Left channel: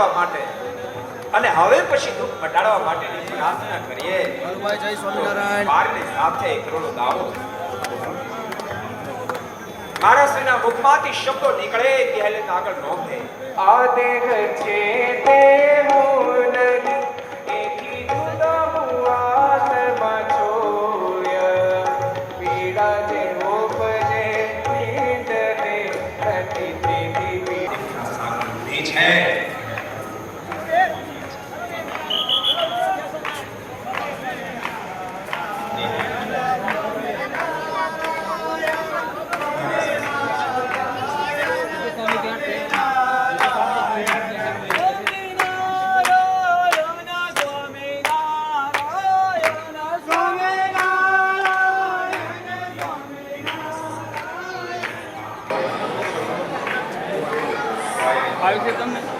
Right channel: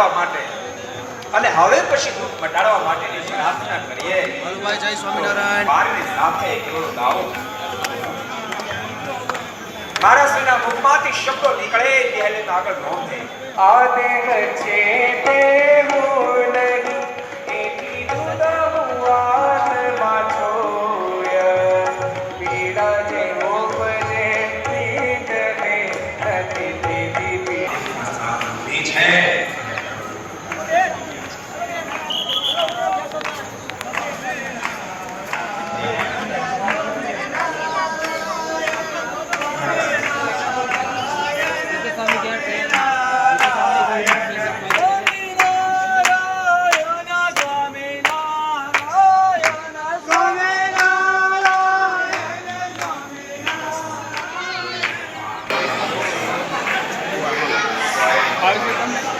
મટાડવા માટે અને હવે પછી દુઃખ મટાડવા માટેની પ્રાર્થના કરીએ. જય સ્વામિનારાયણ. મારી સાથે કેવળ ગાઓ મારા શ્રીના મુખમાંથી શબ્દો નીકળે ત્યારે આગળ નોંધે. આદેહ છે તે હું નહીં એથી જુદા હું આત્મા છોય પીડા જે રોપને પીડ હે નથી પીધી એ છે આવી ગયું તમને